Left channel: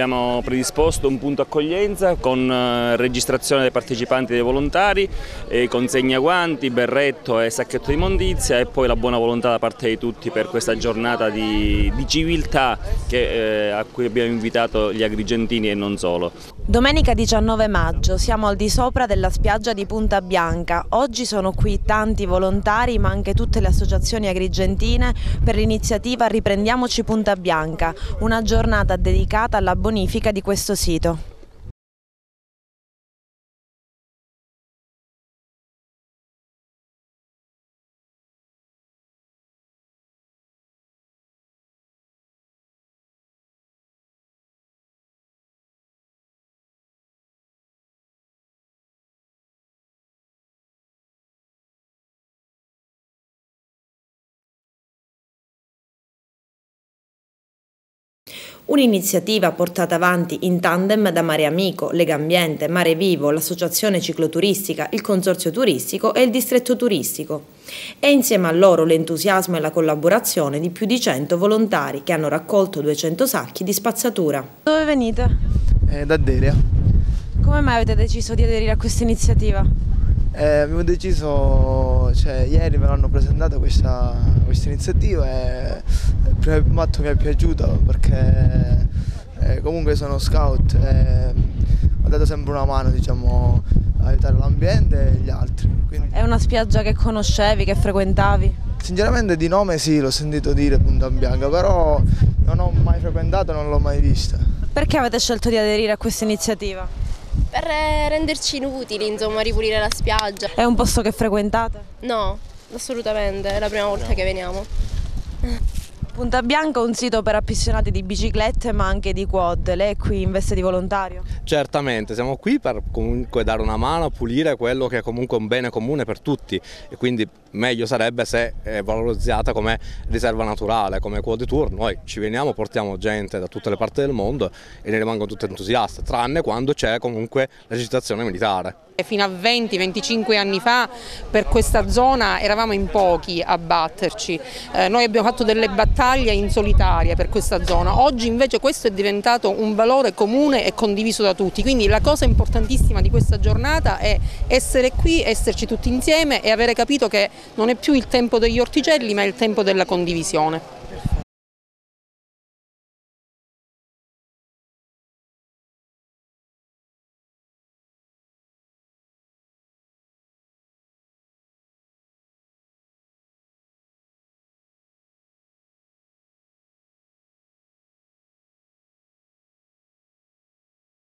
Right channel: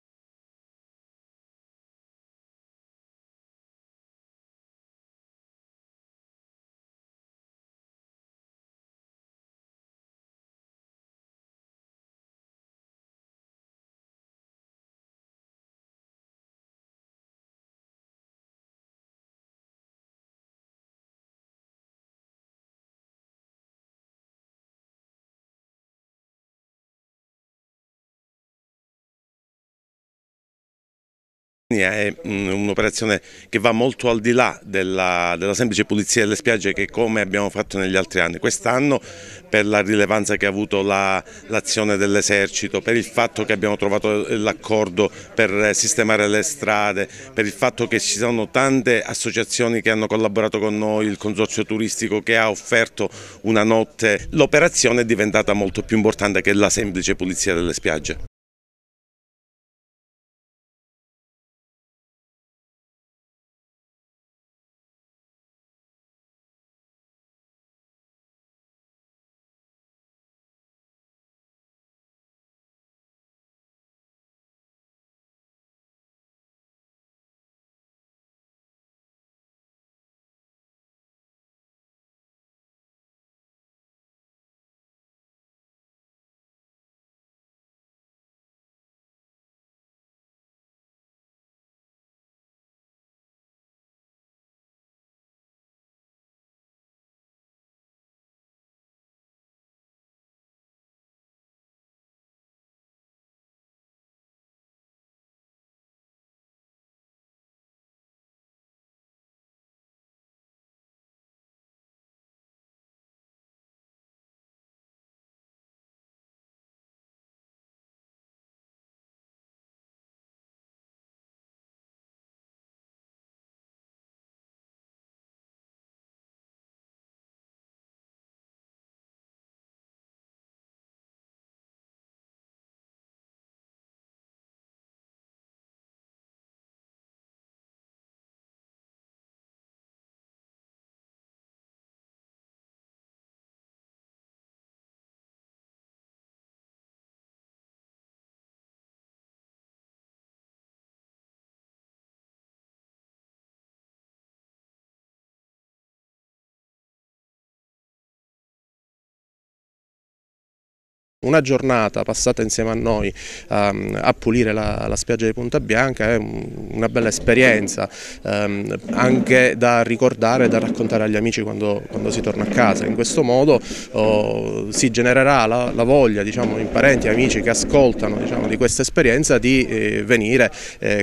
abbiamo predisposto un punto accoglienza con registrazione dei partecipanti e dei volontari, consegna guanti, berretto e sacchetto di immondizia e poi la buona volontà da parte di tutti per questa giornata di civiltà a cui abbiamo invitato gli agrigentini e non solo. Domenica 19 maggio, siamo al di sopra della spiaggia di Punta Bianca. Oggi sono qui tanti volontari ma anche tutte le associazioni agrigentine per l'iniziativa Riprendiamoci Punta Bianca, una giornata dedicata alla bonifica di questo sito. È un'operazione che va molto al di là della semplice pulizia delle spiagge che come abbiamo fatto negli altri anni. Quest'anno per la rilevanza che ha avuto l'azione dell'esercito, per il fatto che abbiamo trovato l'accordo per sistemare le strade, per il fatto che ci sono tante associazioni che hanno collaborato con noi, il consorzio turistico che ha offerto una notte, l'operazione è diventata molto più importante che la semplice pulizia delle spiagge. Un'iniziativa portata avanti in tandem da Mare Amico, Legambiente, Mare Vivo, l'associazione cicloturistica, il consorzio turistico e il distretto turistico. E insieme a loro l'entusiasmo e la collaborazione di più di 100 volontari che hanno raccolto 200 sacchi di spazzatura. Dove venite? Da Deria. Come mai avete deciso di aderire a questa iniziativa? Abbiamo deciso, ieri me l'hanno presentata questa iniziativa e il primo atto mi è piaciuto perché comunque sono scout e ho dato sempre una mano, diciamo, a aiutare l'ambiente e gli altri. Quindi... È una spiaggia che conoscevi, che frequentavi? Sinceramente di nome sì, l'ho sentito dire Punta Bianca, però non ho mai frequentato e non l'ho mai vista. Perché avete scelto di aderire a questa iniziativa? Per renderci inutili, insomma, ripulire la spiaggia. È un posto che frequentate? No, assolutamente, è la prima volta che veniamo. Punta Bianca è un sito per appassionati di biciclette ma anche di quad. Lei è qui in veste di volontario? Certamente, siamo qui per comunque dare una mano a pulire quello che è comunque un bene comune per tutti e quindi meglio sarebbe se è valorizzata come riserva naturale, come quad tour. Noi ci veniamo, portiamo gente da tutte le parti del mondo e ne rimangono tutti entusiasti, tranne quando c'è comunque l'esercitazione militare. Fino a 20-25 anni fa per questa zona eravamo in pochi a batterci, noi abbiamo fatto delle battaglie in solitaria per questa zona, oggi invece questo è diventato un valore comune e condiviso da tutti, quindi la cosa importantissima di questa giornata è essere qui, esserci tutti insieme e avere capito che non è più il tempo degli orticelli ma è il tempo della condivisione. Una giornata passata insieme a noi a pulire la spiaggia di Punta Bianca è una bella esperienza, anche da ricordare e da raccontare agli amici quando si torna a casa. In questo modo si genererà la voglia, diciamo, in parenti e amici che ascoltano, diciamo, di questa esperienza di venire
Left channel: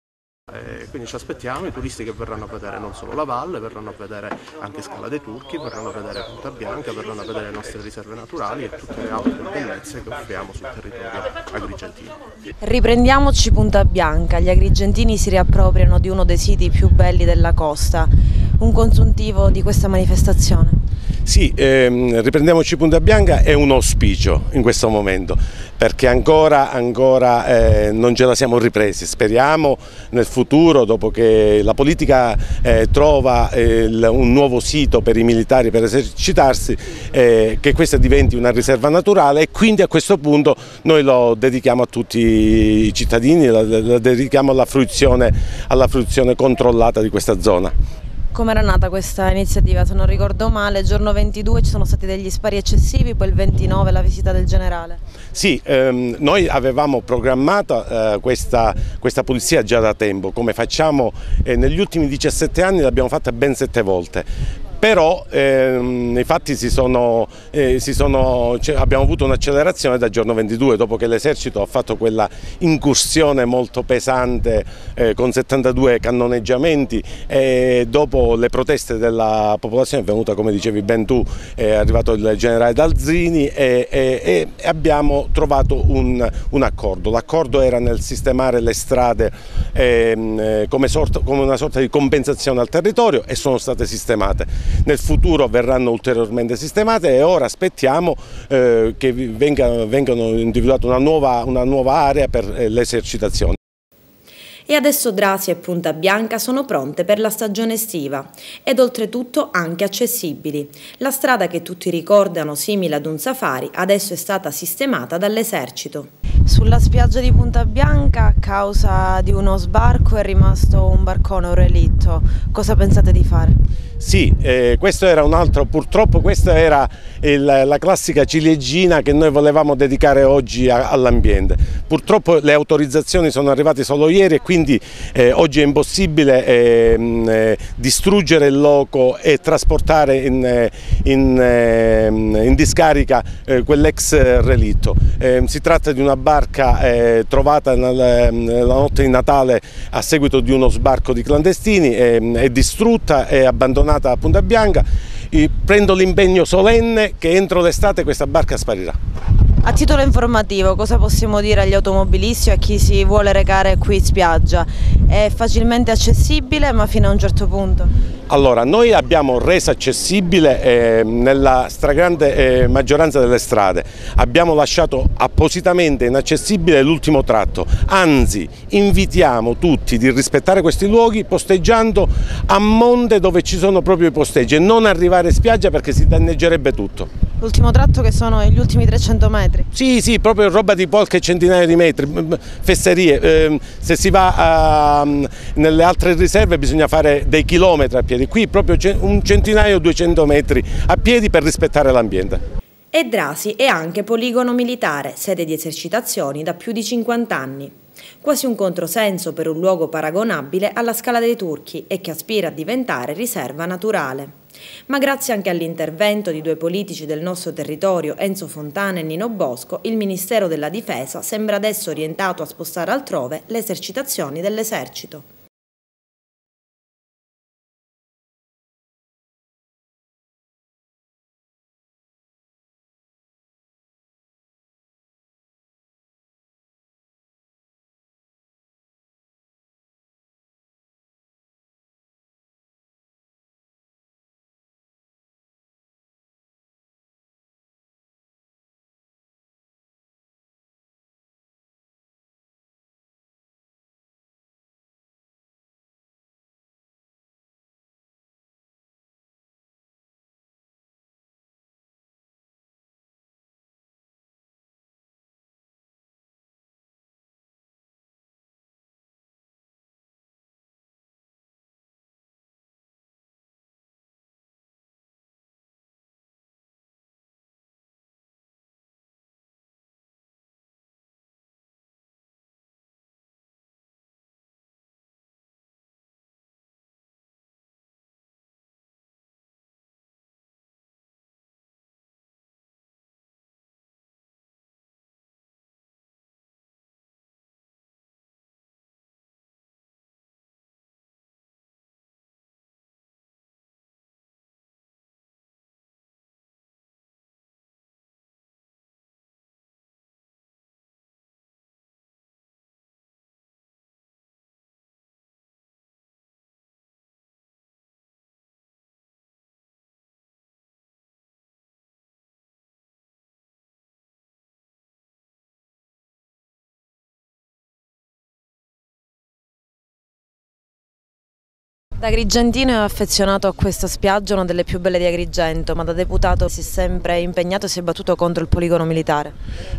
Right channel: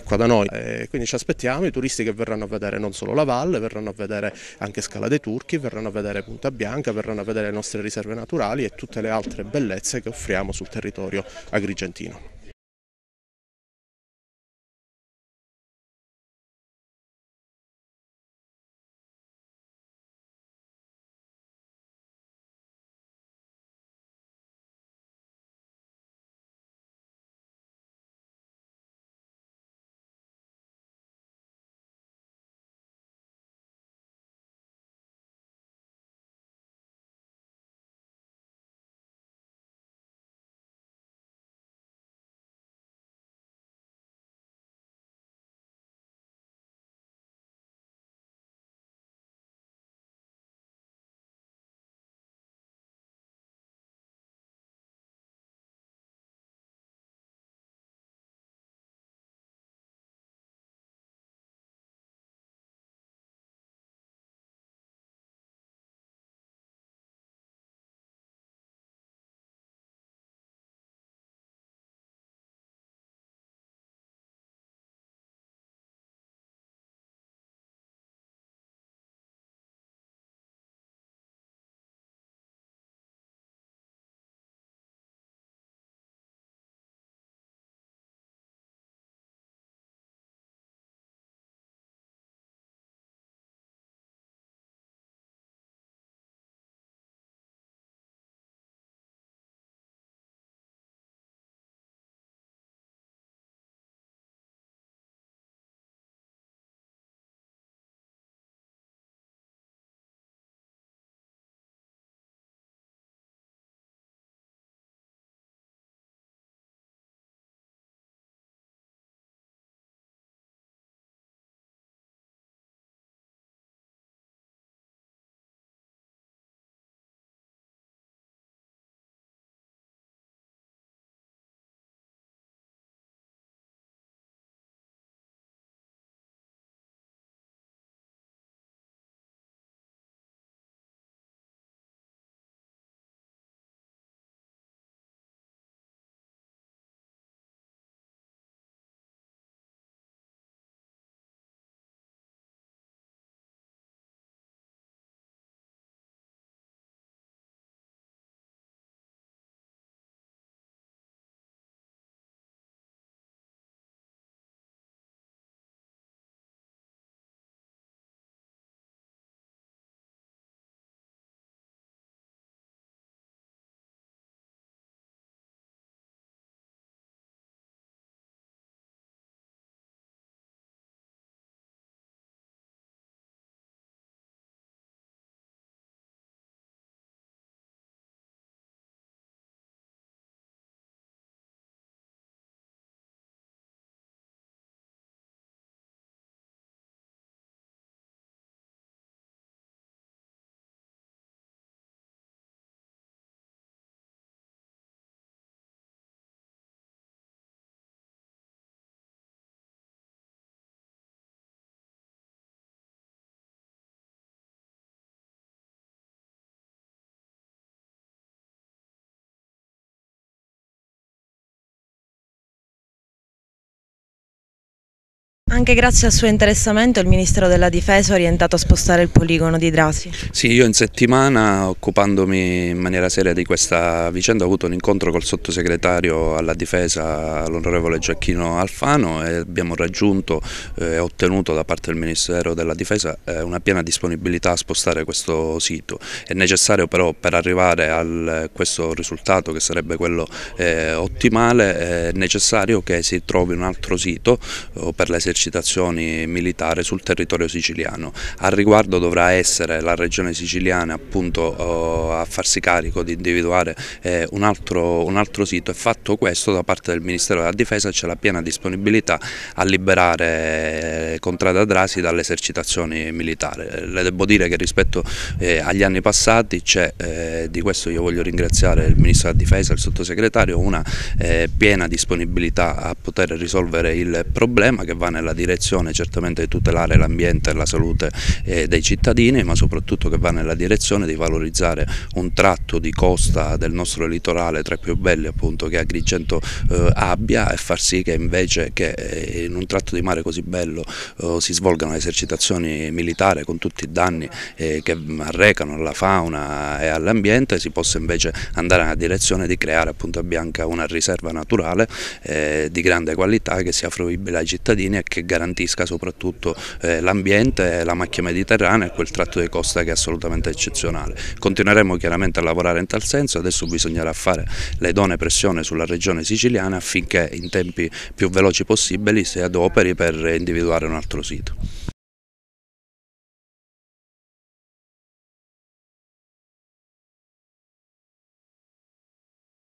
qua da noi. Quindi ci aspettiamo i turisti che verranno a vedere non solo la valle, verranno a vedere anche Scala dei Turchi, verranno a vedere Punta Bianca, verranno a vedere le nostre riserve naturali e tutte le altre bellezze che offriamo sul territorio agrigentino. Riprendiamoci Punta Bianca, gli agrigentini si riappropriano di uno dei siti più belli della costa. Un consuntivo di questa manifestazione? Sì, Riprendiamoci Punta Bianca è un auspicio in questo momento perché ancora non ce la siamo ripresi. Speriamo nel futuro, dopo che la politica trova un nuovo sito per i militari per esercitarsi, che questa diventi una riserva naturale e quindi a questo punto noi lo dedichiamo a tutti i cittadini, lo dedichiamo alla fruizione controllata di questa zona. Come era nata questa iniziativa? Se non ricordo male, il giorno 22 ci sono stati degli spari eccessivi, poi il 29 la visita del generale. Sì, noi avevamo programmato questa pulizia già da tempo, come facciamo negli ultimi 17 anni l'abbiamo fatta ben 7 volte. Però nei fatti abbiamo avuto un'accelerazione dal giorno 22, dopo che l'esercito ha fatto quella incursione molto pesante con 72 cannoneggiamenti e dopo le proteste della popolazione è venuta, come dicevi ben tu, è arrivato il generale Dalzini e abbiamo trovato un accordo. L'accordo era nel sistemare le strade come una sorta di compensazione al territorio e sono state sistemate. Nel futuro verranno ulteriormente sistemate e ora aspettiamo che vengano individuata una nuova area per l'esercitazione. E adesso Drasi e Punta Bianca sono pronte per la stagione estiva ed oltretutto anche accessibili. La strada che tutti ricordano simile ad un safari adesso è stata sistemata dall'esercito. Sulla spiaggia di Punta Bianca, a causa di uno sbarco, è rimasto un barcone, un relitto. Cosa pensate di fare? Sì, questo era un altro, purtroppo questa era la classica ciliegina che noi volevamo dedicare oggi all'ambiente. Purtroppo le autorizzazioni sono arrivate solo ieri e quindi oggi è impossibile distruggere il loco e trasportare in discarica quell'ex relitto. Si tratta di una barca trovata nella notte di Natale a seguito di uno sbarco di clandestini, è distrutta e abbandonata a Punta Bianca. Prendo l'impegno solenne che entro l'estate questa barca sparirà. A titolo informativo, cosa possiamo dire agli automobilisti o a chi si vuole recare qui in spiaggia? È facilmente accessibile, ma fino a un certo punto? Allora, noi abbiamo reso accessibile nella stragrande maggioranza delle strade, abbiamo lasciato appositamente inaccessibile l'ultimo tratto, anzi invitiamo tutti di rispettare questi luoghi posteggiando a monte dove ci sono proprio i posteggi e non arrivare in spiaggia perché si danneggerebbe tutto. L'ultimo tratto che sono gli ultimi 300 metri? Sì, proprio roba di qualche centinaio di metri, fesserie, se si va nelle altre riserve bisogna fare dei chilometri a piedi, qui proprio un centinaio, 200 metri a piedi per rispettare l'ambiente. E Drasi è anche poligono militare, sede di esercitazioni da più di 50 anni. Quasi un controsenso per un luogo paragonabile alla Scala dei Turchi e che aspira a diventare riserva naturale. Ma grazie anche all'intervento di due politici del nostro territorio, Enzo Fontana e Nino Bosco, il Ministero della Difesa sembra adesso orientato a spostare altrove le esercitazioni dell'esercito. Anche grazie al suo interessamento il Ministero della Difesa è orientato a spostare il poligono di Drasi. Sì, io in settimana, occupandomi in maniera seria di questa vicenda, ho avuto un incontro col sottosegretario alla Difesa, l'onorevole Giacchino Alfano, e abbiamo raggiunto e ottenuto da parte del Ministero della Difesa una piena disponibilità a spostare questo sito. È necessario però, per arrivare a questo risultato che sarebbe quello ottimale, è necessario che si trovi un altro sito per le esercitazioni militari sul territorio siciliano. Al riguardo dovrà essere la regione siciliana appunto a farsi carico di individuare un altro sito, e fatto questo da parte del Ministero della Difesa c'è la piena disponibilità a liberare Contrada Drasi dalle esercitazioni militari. Le devo dire che rispetto agli anni passati c'è, di questo io voglio ringraziare il Ministro della Difesa e il Sottosegretario, una piena disponibilità a poter risolvere il problema, che va nella direzione certamente di tutelare l'ambiente e la salute dei cittadini, ma soprattutto che va nella direzione di valorizzare un tratto di costa del nostro litorale tra i più belli appunto che Agrigento abbia, e far sì che invece che in un tratto di mare così bello si svolgano esercitazioni militari con tutti i danni che arrecano alla fauna e all'ambiente, si possa invece andare nella direzione di creare a Punta Bianca una riserva naturale di grande qualità che sia fruibile ai cittadini e che garantisca soprattutto l'ambiente, la macchia mediterranea e quel tratto di costa che è assolutamente eccezionale. Continueremo chiaramente a lavorare in tal senso, adesso bisognerà fare le idonee pressioni sulla regione siciliana affinché in tempi più veloci possibili si adoperi per individuare un altro sito. Da agrigentino è affezionato a questa spiaggia, una delle più belle di Agrigento, ma da deputato si è sempre impegnato e si è battuto contro il poligono militare.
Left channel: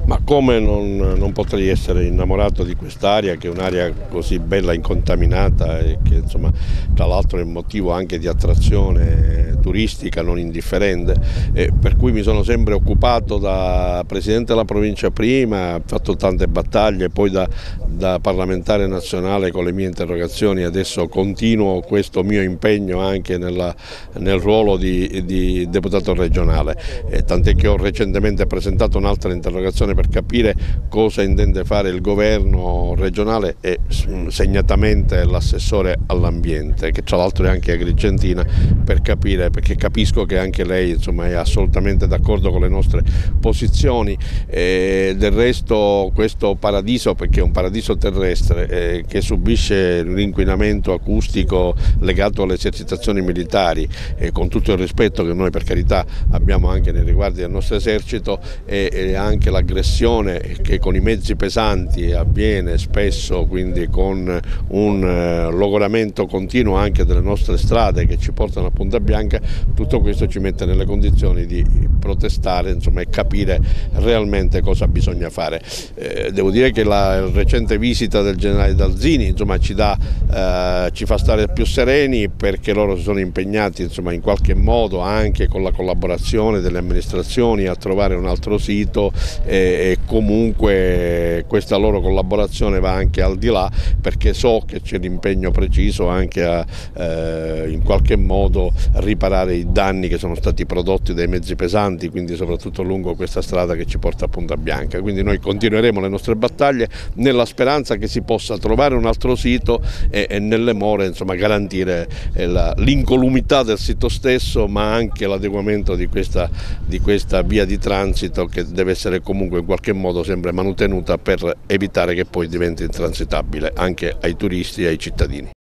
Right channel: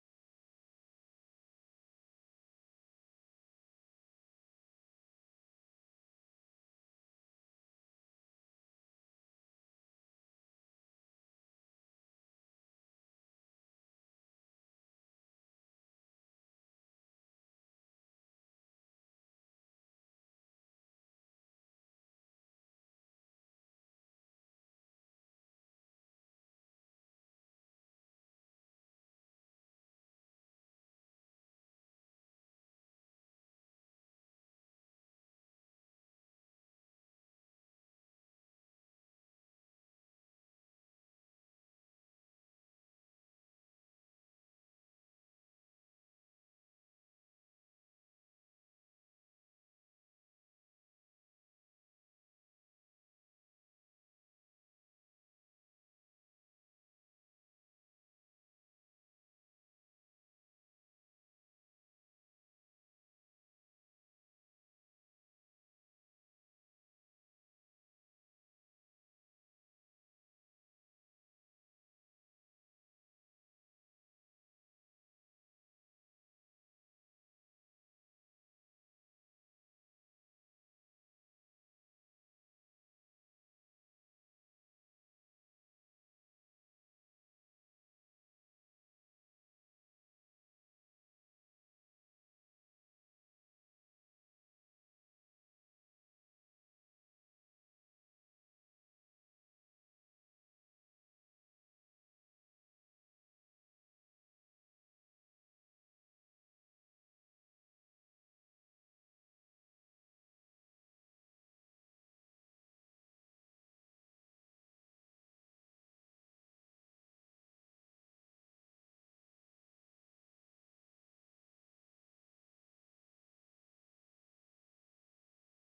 Ma come non potrei essere innamorato di quest'area, che è un'area così bella, incontaminata, e che insomma tra l'altro è motivo anche di attrazione turistica non indifferente, per cui mi sono sempre occupato da Presidente della provincia prima, ho fatto tante battaglie, poi da parlamentare nazionale con le mie interrogazioni, adesso continuo questo mio impegno anche nel ruolo di deputato regionale, tant'è che ho recentemente presentato un'altra interrogazione per capire cosa intende fare il governo regionale e segnatamente l'assessore all'ambiente, che tra l'altro è anche agrigentina, per capire, perché capisco che anche lei insomma è assolutamente d'accordo con le nostre posizioni. Del resto questo paradiso, perché è un paradiso terrestre che subisce l'inquinamento acustico legato alle esercitazioni militari, con tutto il rispetto che noi per carità abbiamo anche nei riguardi del nostro esercito, e anche l'aggressione che con i mezzi pesanti avviene spesso, quindi con un logoramento continuo anche delle nostre strade che ci portano a Punta Bianca, tutto questo ci mette nelle condizioni di protestare, insomma, e capire realmente cosa bisogna fare. Devo dire che la recente visita del generale Dalzini, insomma, ci fa stare più sereni, perché loro si sono impegnati, insomma, in qualche modo anche con la collaborazione delle amministrazioni a trovare un altro sito, e comunque questa loro collaborazione va anche al di là, perché so che c'è l'impegno preciso anche a in qualche modo riparare i danni che sono stati prodotti dai mezzi pesanti, quindi soprattutto lungo questa strada che ci porta a Punta Bianca. Quindi noi continueremo le nostre battaglie nella speranza che si possa trovare un altro sito e nelle more, insomma, garantire l'incolumità del sito stesso, ma anche l'adeguamento di questa via di transito, che deve essere comunque in qualche modo sempre manutenuta per evitare che poi diventi intransitabile anche ai turisti e ai cittadini.